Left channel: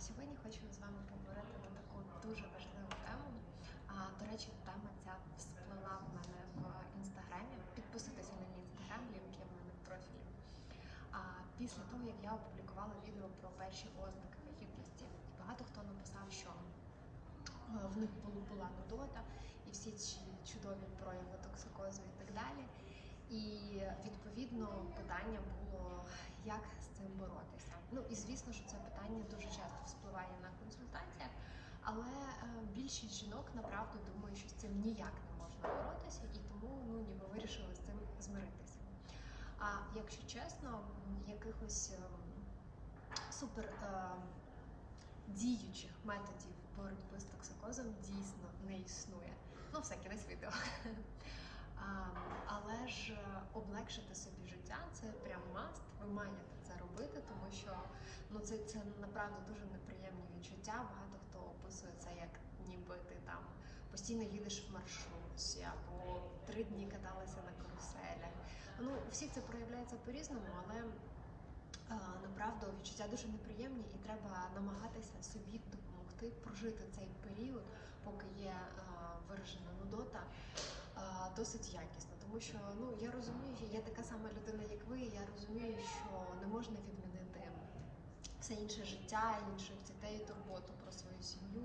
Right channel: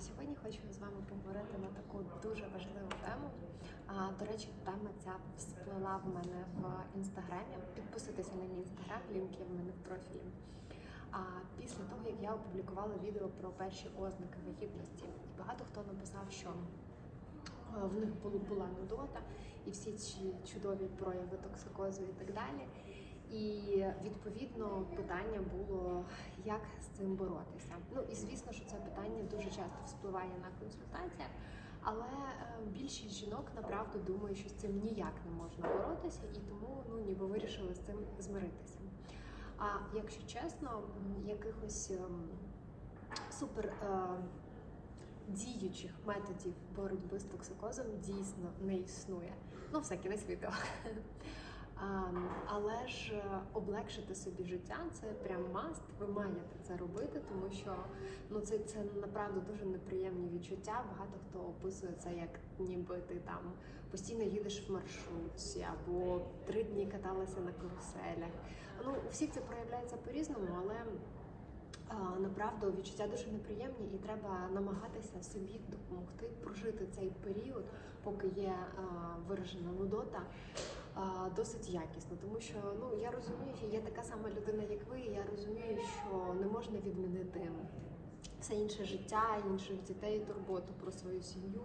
Сьогодні хочу з вами поговорити на таку дуже важливу тему. До речі, тема ця всплила в мене в інстаграмі. Підписуйтеся на мій інстаграм, лінки в мене в профілі. А після того, як я опублікувала відео про перші ознаки вагітності, багато хто написав, що в них була нудота і всі ці чудові прояви токсикозу і так далі. І відповідно питання було, як з цим боротися. Ну і звісно, що це питання дуже часто вспливає на консультаціях, але е, більшість жінок направду думає, що з цим ніяк не можна боротися, і тому ну ніби вирішили з цим змиритися. А якщо чесно, якихось ем, супер е, діючих методів боротьби з токсикозом дійсно не існує. Ну, все кінець відео. Але ж е, облегшити собі життя це прям маст. Ви маєте це робити, тому що ну це, це направду дуже неприємні відчуття. Багато хто описує це як ніби ти там постійно їдеш в маршрутці або три дні каталися на каруселях. Ну у всіх це проявляється по-різному, але направду відчуття дуже неприємні, і треба намагатися собі допомогти прожити цей період, поки є виражена нудота. Досить якісно, тому що ну я розумію, я така сама людина, як ви. і Я розумію, що не можна відмінити все інше життя, інших дітей, турботу про свою сім'ю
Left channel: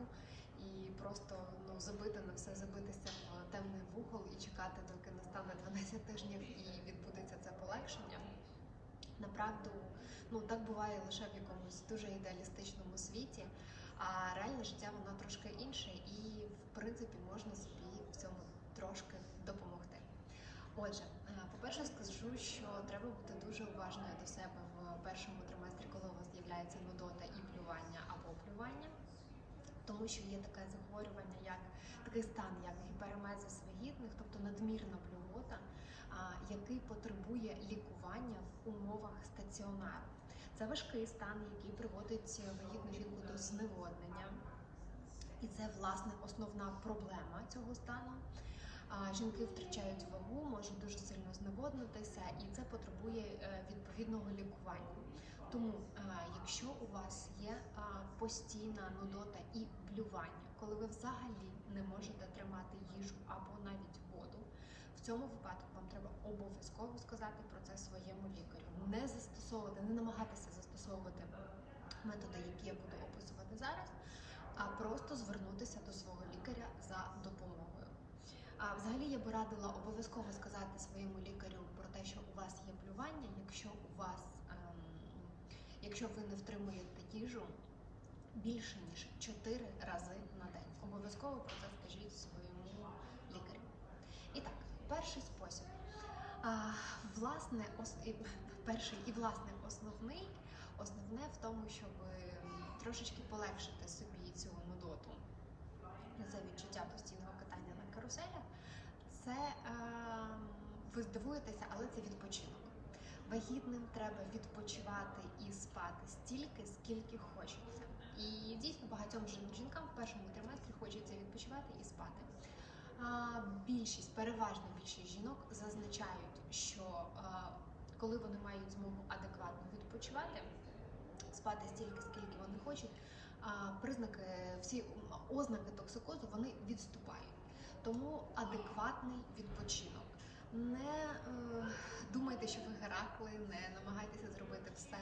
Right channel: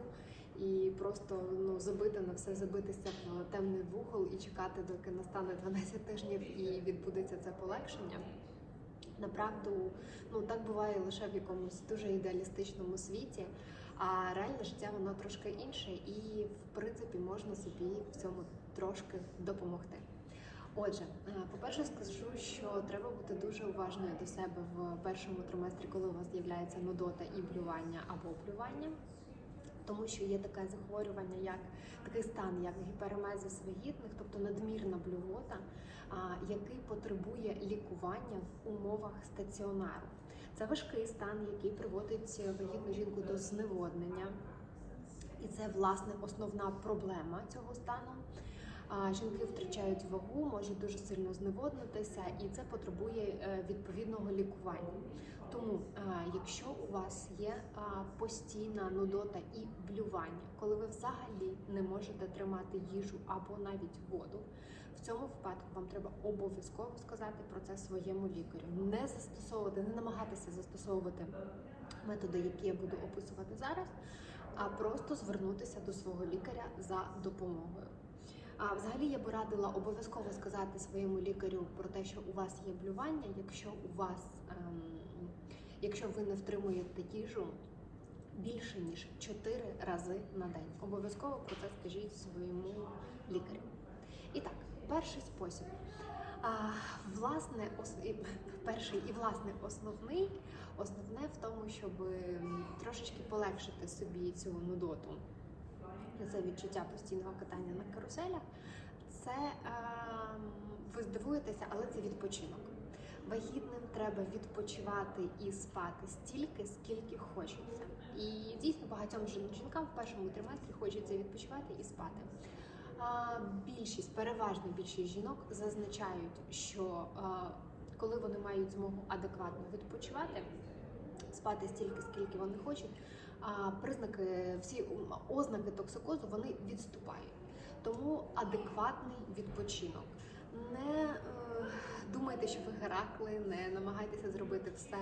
і просто ну забити на все, забитися в темний вугол і чекати, доки настане 12 тижнів і відбудеться це полегшення. Направду, ну так буває лише в якомусь дуже ідеалістичному світі, а реальне життя воно трошки інше, і в принципі можна собі в цьому трошки допомогти. Отже, е, по-перше, скажу, що треба бути дуже уважною до себе в першому триместрі, коли у вас з'являється нудота і блювання або плювання. Тому що є таке захворювання, як такий стан, як гіперемезис вагітних, тобто надмірна блювота, який потребує лікування в умовах стаціонару. Це важкий стан, який приводить вагітну жінку до зневоднення, і це власне основна проблема цього стану. Жінки втрачають вагу, можуть дуже сильно зневоднитися, і це потребує е, відповідного лікування. Тому, е, якщо у вас є постійна нудота і блювання, коли ви взагалі не можете тримати їжу або навіть воду, в цьому випадку вам треба обов'язково сказати про це своєму лікарю. Не застосовувати, не намагатися застосовувати методи, які я буду описувати зараз, а просто звернутися до свого лікаря за допомогою. Взагалі я би радила обов'язково сказати своєму лікарю про те, що у вас є блювання, якщо у вас, ем, якщо ви не втримуєте їжу більше ніж 4 рази на день. Обов'язково про це скажіть своєму лікарю. І так, перший спосіб. Власне, ос... перший і власне основний, основне в тому, щоб трошечки полегшити собі цю нудоту це відчуття постійного катання на каруселях. Це е, ви здивуєтеся, але це відпочинок. Вагітним треба відпочивати і спати стільки, скільки хочеться. І дійсно багатьом жінкам в першому триместрі хочеться відпочивати і спати. А, більшість, переважна більшість жінок зазначають, що е, коли вони мають змогу адекватно відпочивати, спати стільки, скільки вони хочуть, а признаки, всі ознаки токсикозу вони відступають. Тому адекватний відпочинок. Не е, думайте, що ви Геракли, не намагайтеся зробити все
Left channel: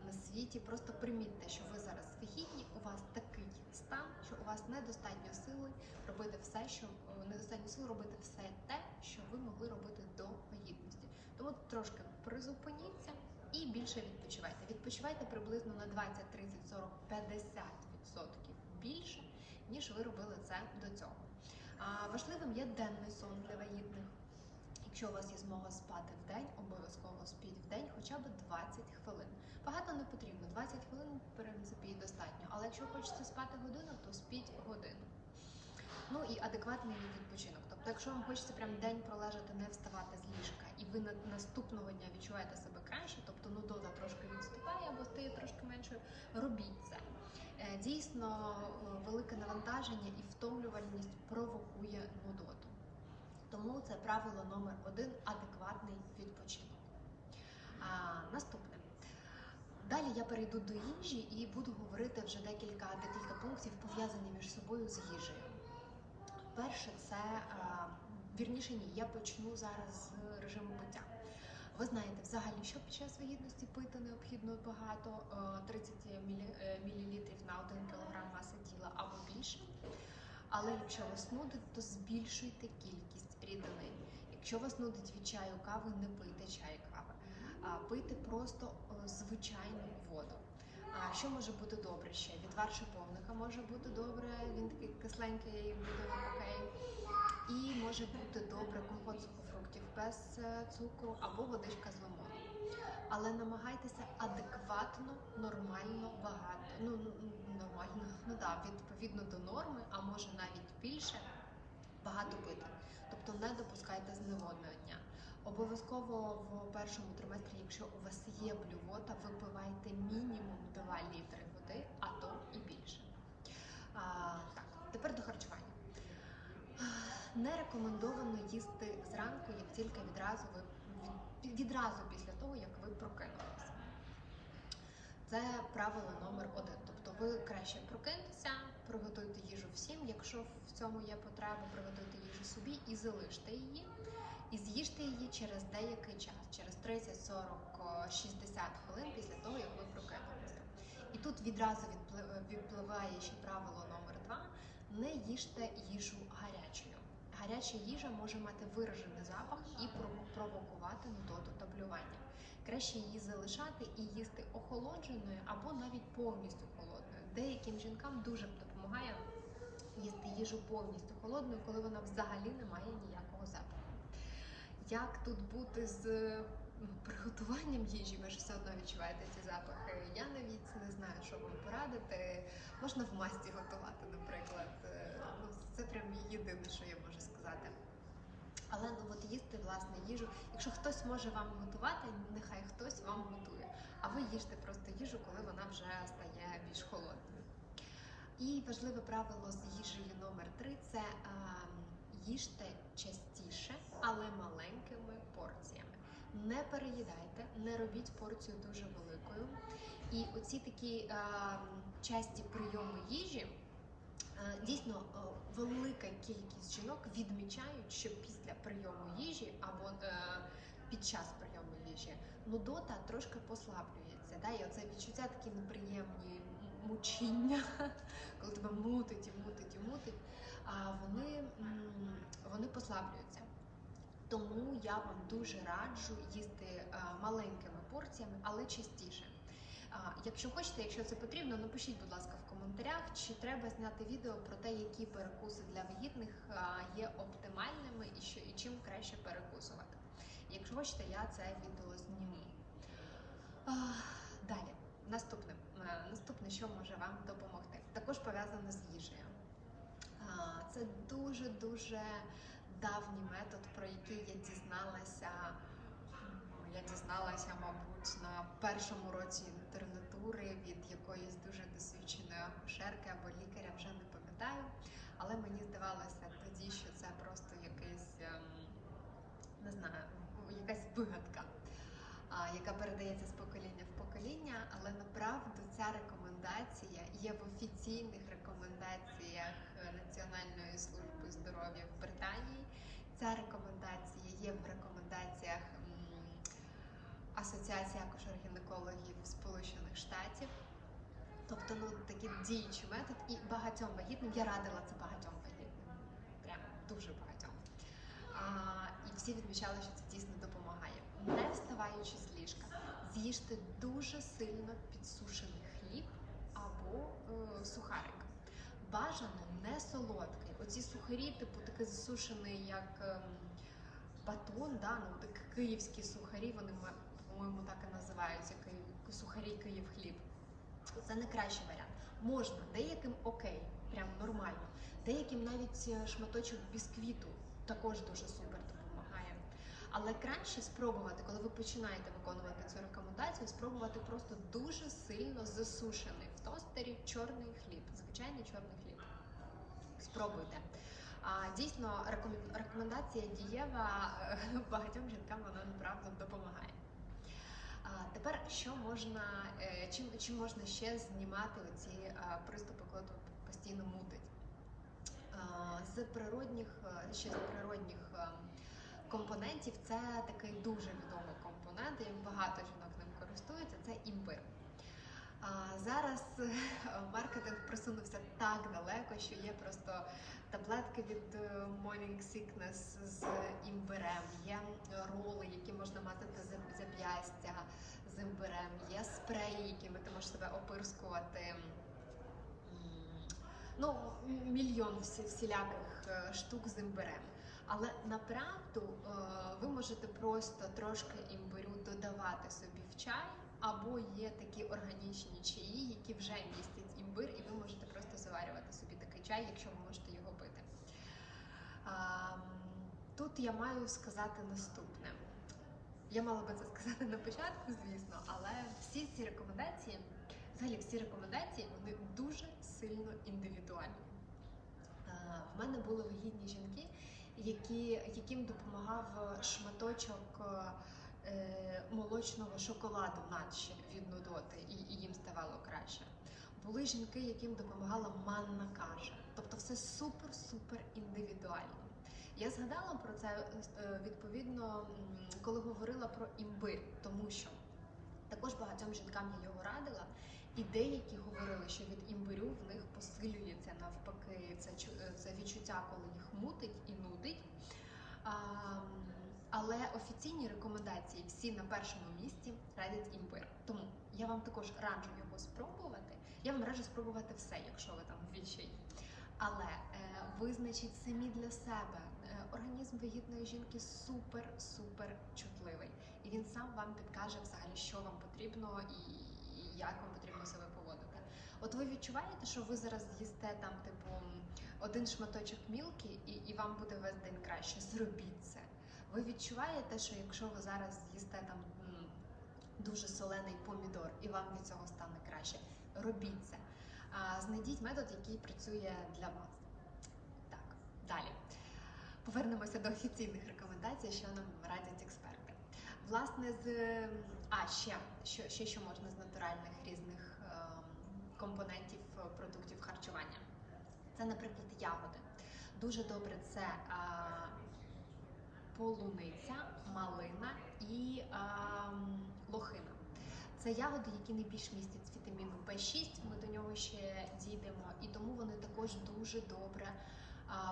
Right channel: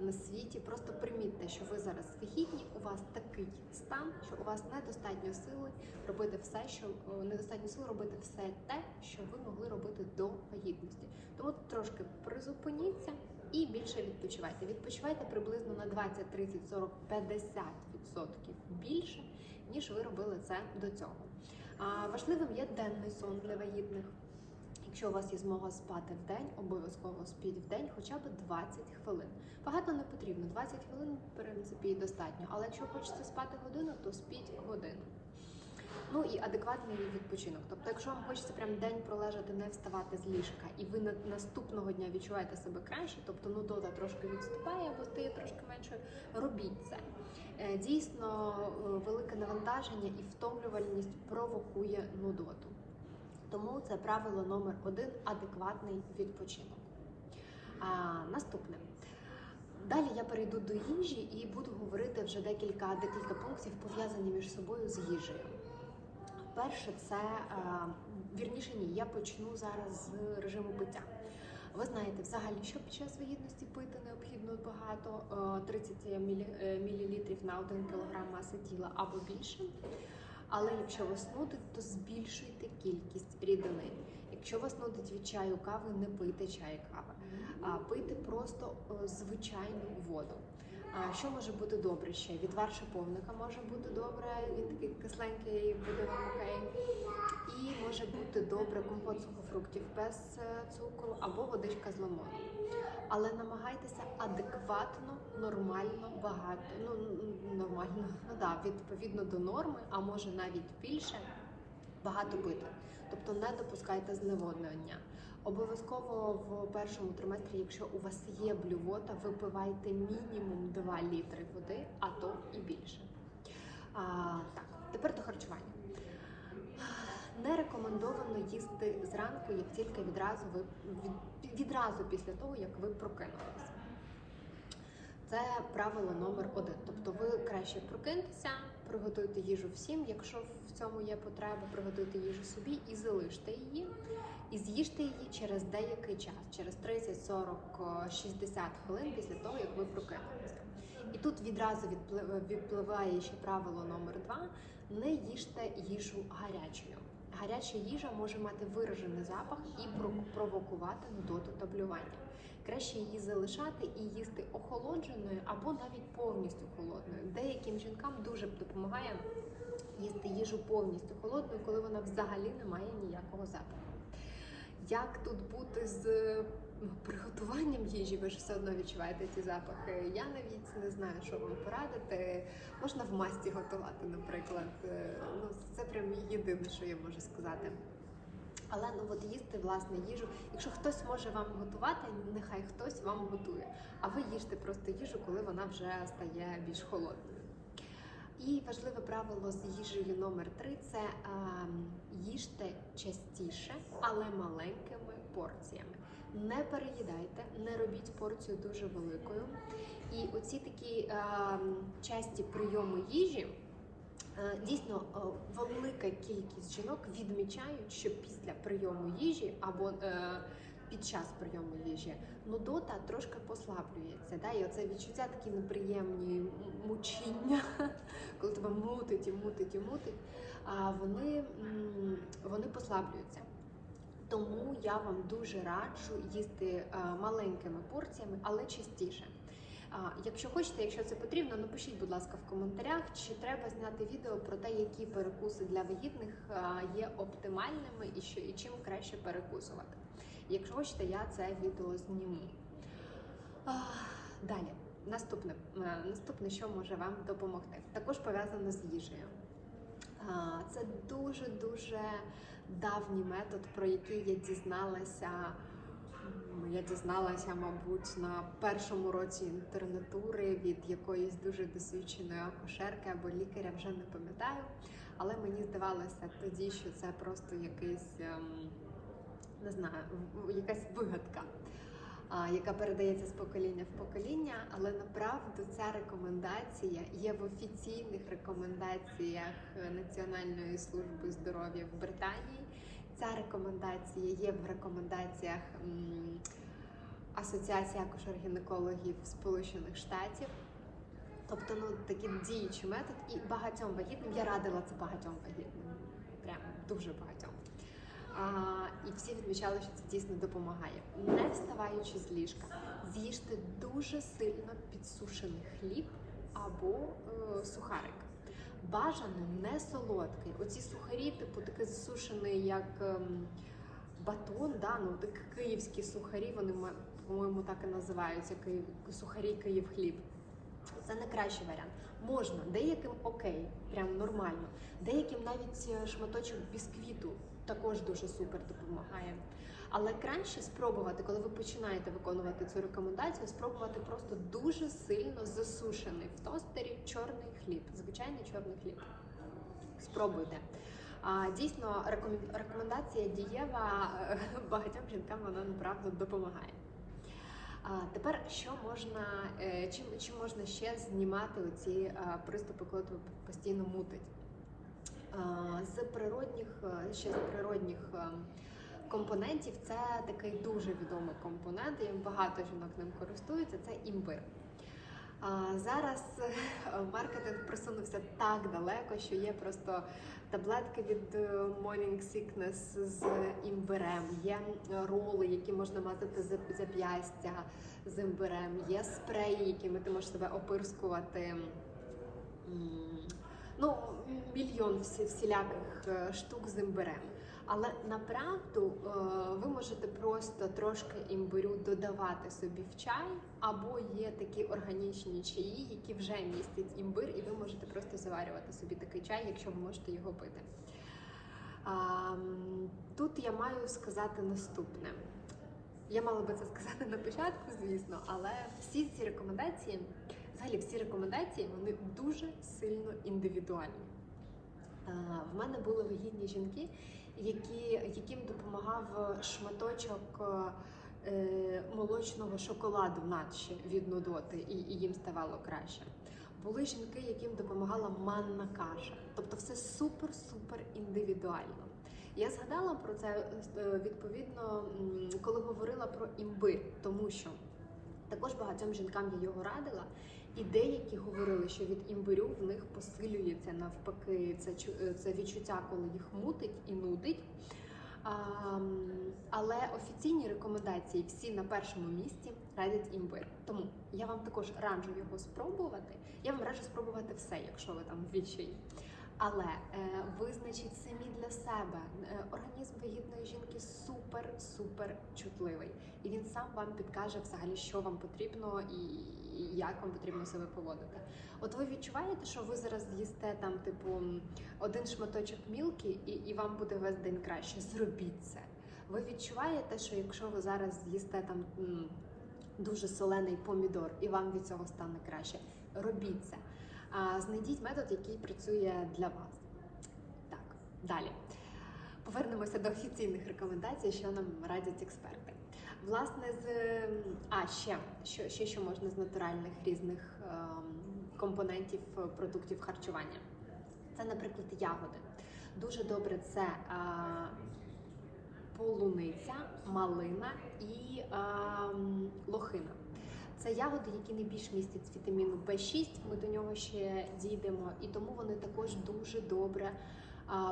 на світі. Просто примітьте, що ви зараз вагітні, у вас такий стан, що у вас недостатньо сили робити все, що е, недостатньо сил робити все те, що ви могли робити до вагітності. Тому трошки призупиніться і більше відпочивайте. Відпочивайте приблизно на 20, 30, 40, 50 відсотків більше, ніж ви робили це до цього. А важливим є денний сон для вагітних. Якщо у вас є змога спати в день, обов'язково спіть в день хоча б 20 хвилин. Багато не потрібно, 20 хвилин в принципі достатньо. Але якщо хочете спати годину, то спіть годину. Ну і адекватний відпочинок. Тобто, якщо вам хочеться прям день пролежати, не вставати з ліжка, і ви на наступного дня відчуваєте себе краще, тобто нудота трошки відступає або стає трошки менше, робіть це. Е, Дійсно, е, велике навантаження і втомлювальність провокує нудоту. Тому це правило номер один адекватний відпочинок. А, наступне. Далі я перейду до їжі і буду говорити вже декілька декілька пунктів пов'язані між собою з їжею. Перше, це е, вірніше ні, я почну зараз з режиму пиття. Ви знаєте, взагалі, що під час вагітності пити необхідно багато е, 30 мілі, е, на 1 кг маси тіла або більше. Але якщо вас нудить, то збільшуйте кількість рідини. Якщо вас нудить від чаю кави, не пийте чай кави, а пийте просто е, звичайну воду. А що може бути добре ще? Відвар шиповника може бути добре, він такий кисленький, буде вам окей. І може бути добре компот сухофруктів без е, цукру або водичка з лимоном. Але намагайтеся адекватно, нормально, багато. Ну нормально, ну да, відповідно до норми, а може навіть більше, багато пити. Тобто не допускайте зневоднення. Обов'язково в першому триместрі, якщо у вас є блювота, випивайте мінімум 2 літри води, а то і більше. А, так, тепер до харчування. Не рекомендовано їсти зранку, як тільки відразу ви від, відразу після того, як ви прокинулися. Це правило номер один. Тобто ви краще прокиньтеся, приготуйте їжу всім, якщо в цьому є потреба, приготуйте їжу собі і залиште її. І з'їжте її через деякий час, через 30, 40, 60 хвилин після того, як ви прокинулися. І тут відразу відпли- відпливає ще правило номер два: не їжте їжу гарячою. Гаряча їжа може мати виражений запах і провокувати нудоту та блювання. Краще її залишати і їсти охолодженою або навіть повністю холодною. Деяким жінкам дуже допомагає їсти їжу повністю холодною, коли вона взагалі не має ніякого запаху. Як тут бути з приготуванням їжі? Ви ж все одно відчуваєте ці запахи. Я навіть не знаю, що вам порадити. Можна в масті готувати, наприклад. Е, Ну, це прям єдине, що я можу сказати. Але ну от їсти власне їжу. Якщо хтось може вам готувати, нехай хтось вам готує. А ви їжте просто їжу, коли вона вже стає більш холодною. І важливе правило з їжею номер три це ем, їжте частіше, але маленькими порціями. Не переїдайте, не робіть порцію дуже великою. І оці такі ем, часті прийоми їжі. Е, Дійсно, е, велика кількість жінок відмічають, що після прийому їжі або е, під час прийому їжі нудота трошки послаблюється. Да? І оце відчуття такі неприємні мучіння, коли тебе мутить і мутить і мутить, а вони, вони послаблюються. Тому я вам дуже раджу їсти е, маленькими порціями, але частіше. Якщо хочете, якщо це потрібно, напишіть, будь ласка, в коментарях, чи треба зняти відео про те, які перекуси для вагітних є оптимальними і що і чим краще перекусувати. Якщо хочете, я це відео зніму. Далі, наступне, Е, наступне, що може вам допомогти, також пов'язане з їжею. Це дуже дуже давній метод, про який я дізналася. Я дізналася, мабуть, на першому році інтернатури від якоїсь дуже досвідченої акушерки або лікаря, вже не пам'ятаю. Але мені здавалося тоді, що це просто якийсь, ем, не знаю, якась вигадка, яка передається з покоління в покоління. Але направду ця рекомендація є в офіційних рекомендаціях Національної служби здоров'я в Британії. Ця рекомендація є в рекомендаціях Асоціації акушер-гінекологів Сполучених Штатів. Тобто, ну такий діючий метод, і багатьом вагітним я радила це багатьом вагітним, прям дуже багатьом. І всі відмічали, що це дійсно допомагає. Не вставаючи з ліжка, з'їжте дуже сильно підсушений хліб або е, сухарик. Бажано не солодкий. Оці сухарі, типу, такий засушений, як ем, батон, да? ну, так, київські сухарі, вони, по-моєму, так і називаються, сухарі Київ хліб. Це не кращий варіант. Можна, деяким окей, прям нормально. Деяким навіть е, шматочок бісквіту також дуже супер допомагає. Але краще спробувати, коли ви починаєте виконувати цю рекомендацію, спробувати просто дуже сильно засушений в тостері чорний хліб, звичайний чорний хліб. Спробуйте. Дійсно, рекомендація дієва е, багатьом жінкам вона направду допомагає. Тепер що можна, е, чим, чим можна ще знімати оці е, приступи, коли тебе постійно мутить? А, З природних, е, ще з природних е, компонентів це такий дуже відомий компонент, і багато жінок ним користуються. Це імбир. Зараз е, маркетинг просунувся так далеко, що є просто таблетки від е, Morning Sickness з імбирем, є е, роли, які можна мазати за зап'ястя з імбирем, є спреї, якими ти можеш себе опирскувати. Ну, мільйон всіляких е, штук з імбирем. Але направду е, ви можете просто трошки імбирю додавати собі в чай, або є такі органічні чаї, які вже містять імбир, і ви можете просто заварювати собі такий чай, якщо ви можете його пити. Тут я маю сказати наступне. Я мала би це сказати на початку, звісно, але всі ці рекомендації, взагалі всі рекомендації, вони дуже сильно індивідуальні. Е, В мене були вагітні жінки, які, яким допомагав шматочок е, молочного шоколаду, наче від нудоти, і, і їм ставало краще. Були жінки, яким допомагала манна каша. Тобто все супер-супер індивідуально. Я згадала про це е, відповідно, коли говорила про імбир, тому що також багатьом жінкам я його радила, і деякі говорили, що від імбирю в них посилюється навпаки це, е, це відчуття, коли їх мутить і нудить. А, але офіційні рекомендації всі на першому місці радять імбир. Тому я вам також раджу його спробувати. Я вам раджу спробувати все, якщо ви там в відчаї. Але е, визначіть самі для себе. Е, організм вагітної жінки супер супер чутливий, і він сам вам підкаже взагалі, що вам потрібно і, і як вам потрібно себе поводити. От ви відчуваєте, що ви зараз з'їсте там, типу, один шматочок мілки, і, і вам буде весь день краще. Зробіть це. Ви відчуваєте, що якщо ви зараз з'їсте там дуже солений помідор, і вам від цього стане краще. Робіть це. А, знайдіть метод, який працює для вас. Так, далі. Повернемося до офіційних рекомендацій, що нам радять експерти. Власне, з а ще що, ще що можна з натуральних різних ем, компонентів е, продуктів харчування. Це, наприклад, ягоди. Дуже добре це а, полуниця, малина і а, лохина. Це ягоди, які найбільш містять вітаміну В6. Ми до нього ще дійдемо, і тому вони також дуже добре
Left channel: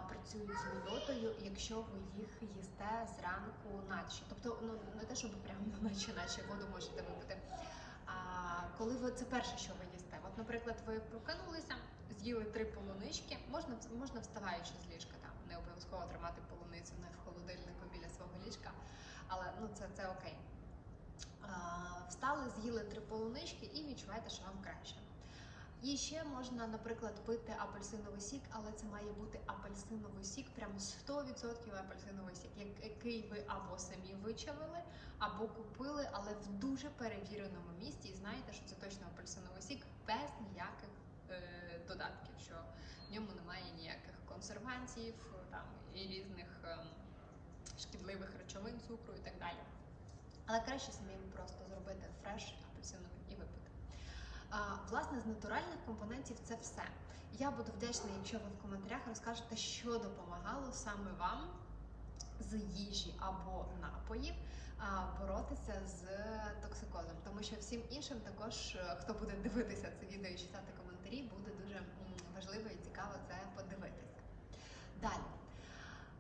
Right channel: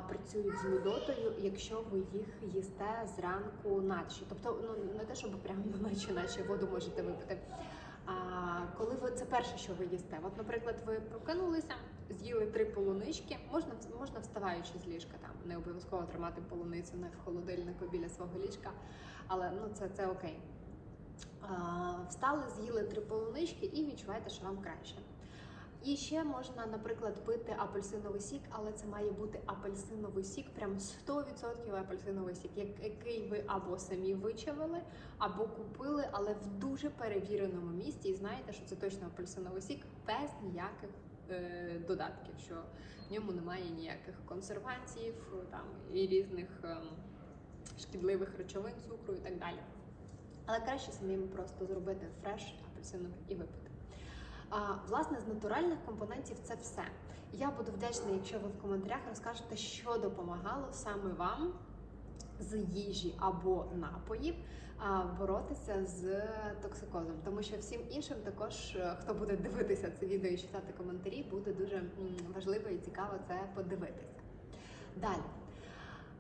працюють з нудотою, якщо ви їх їсте зранку наче. Тобто, ну не те, щоб прямо наче, наче воду можете випити. А коли ви це перше, що ви їсте, от, наприклад, ви прокинулися, з'їли три полунички, можна можна вставаючи з ліжка, там не обов'язково тримати полуницю в холодильнику біля свого ліжка, але ну це, це окей. А, встали, з'їли три полунички і відчуваєте, що вам краще. І ще можна, наприклад, пити апельсиновий сік, але це має бути апельсиновий сік, прям 100% апельсиновий сік, який ви або самі вичавили, або купили, але в дуже перевіреному місці. І знаєте, що це точно апельсиновий сік без ніяких е, додатків, що в ньому немає ніяких консервантів там і різних ем, шкідливих речовин, цукру і так далі. Але краще самим просто зробити фреш апельсиновий і випити. Власне, з натуральних компонентів це все. Я буду вдячна, якщо ви в коментарях розкажете, що допомагало саме вам з їжі або напоїв боротися з токсикозом. Тому що всім іншим також, е, хто буде дивитися це відео і читати коментарі, буде дуже важливо і цікаво це подивитися. Далі.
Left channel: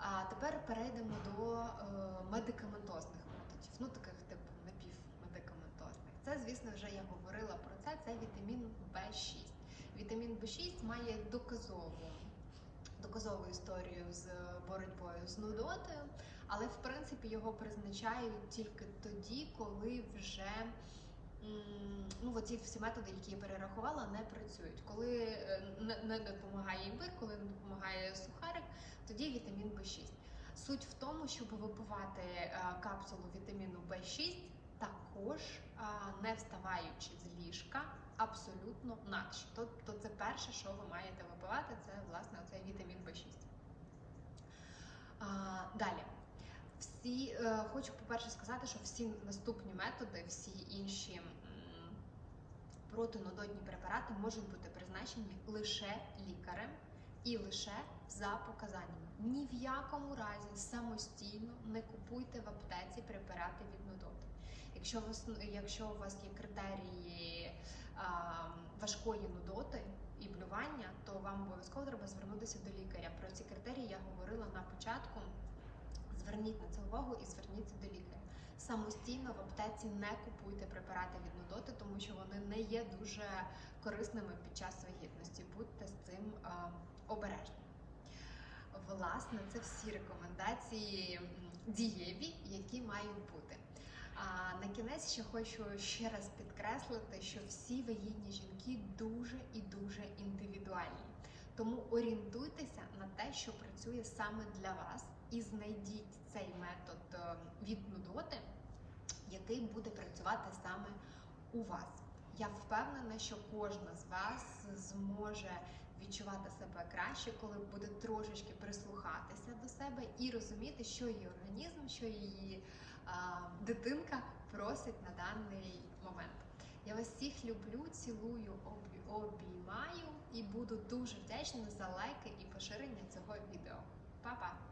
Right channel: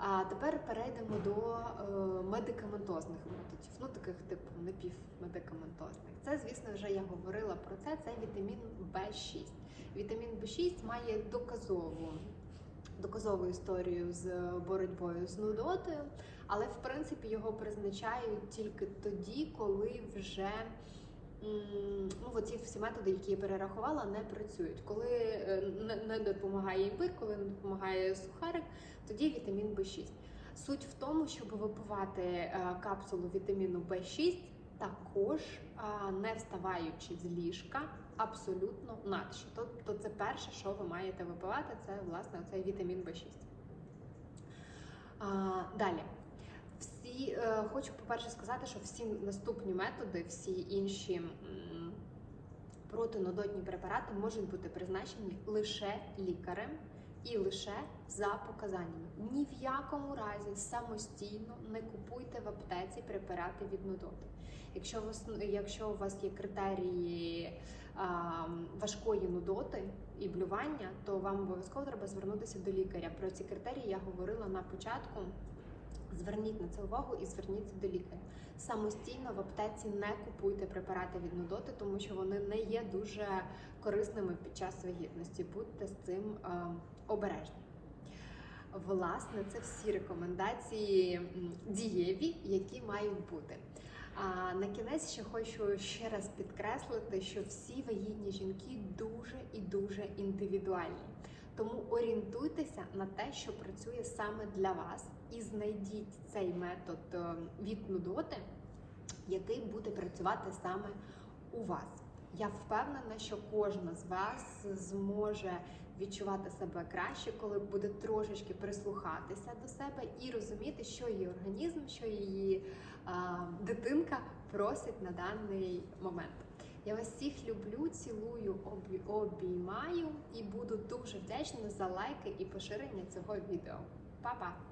А тепер перейдемо до е, медикаментозних методів, ну таких типу напівмедикаментозних. Це, звісно, вже я говорила про це. Це вітамін В6. Вітамін В6 має доказову доказову історію з боротьбою з нудотою, але в принципі його призначають тільки тоді, коли вже ну, оці всі методи, які я перерахувала, не працюють. Коли е, не, допомагає імбир, коли не допомагає сухарик, тоді вітамін В6. Суть в тому, щоб випивати е, капсулу вітаміну В6 також не вставаючи з ліжка, абсолютно наче. Тобто це перше, що ви маєте випивати, це власне цей вітамін В6. А, далі. Хочу, по-перше, сказати, що всі наступні методи, всі інші м, протинудотні препарати можуть бути призначені лише лікарем і лише за показаннями. Ні в якому разі самостійно не купуйте в аптеці препарати від нудоти. Якщо у вас, якщо у вас є критерії а, важкої нудоти і блювання, то вам обов'язково треба звернутися до лікаря. Про ці критерії я говорила на початку. Зверніть на це увагу і зверніться до лікаря. Самостійно в аптеці не купуйте препарати від нудоти, тому що вони не є дуже корисними під час вагітності. Будьте з цим е, обережні. Власне, це всі рекомендації дієві, які мають бути. А на кінець ще хочу ще раз підкреслити, що всі вагітні жінки дуже і дуже індивідуальні. Тому орієнтуйтеся на те, що працює саме для вас, і знайдіть цей метод е, від нудоти, який буде працювати саме у вас. Я впевнена, що кожна з вас зможе відчувати себе краще, коли буде трошечки прислухатися до себе і розуміти, що її організм, що її а, дитинка просить на даний момент. Я вас всіх люблю, цілую, обіймаю і буду дуже вдячна за лайки і поширення цього відео. Па-па!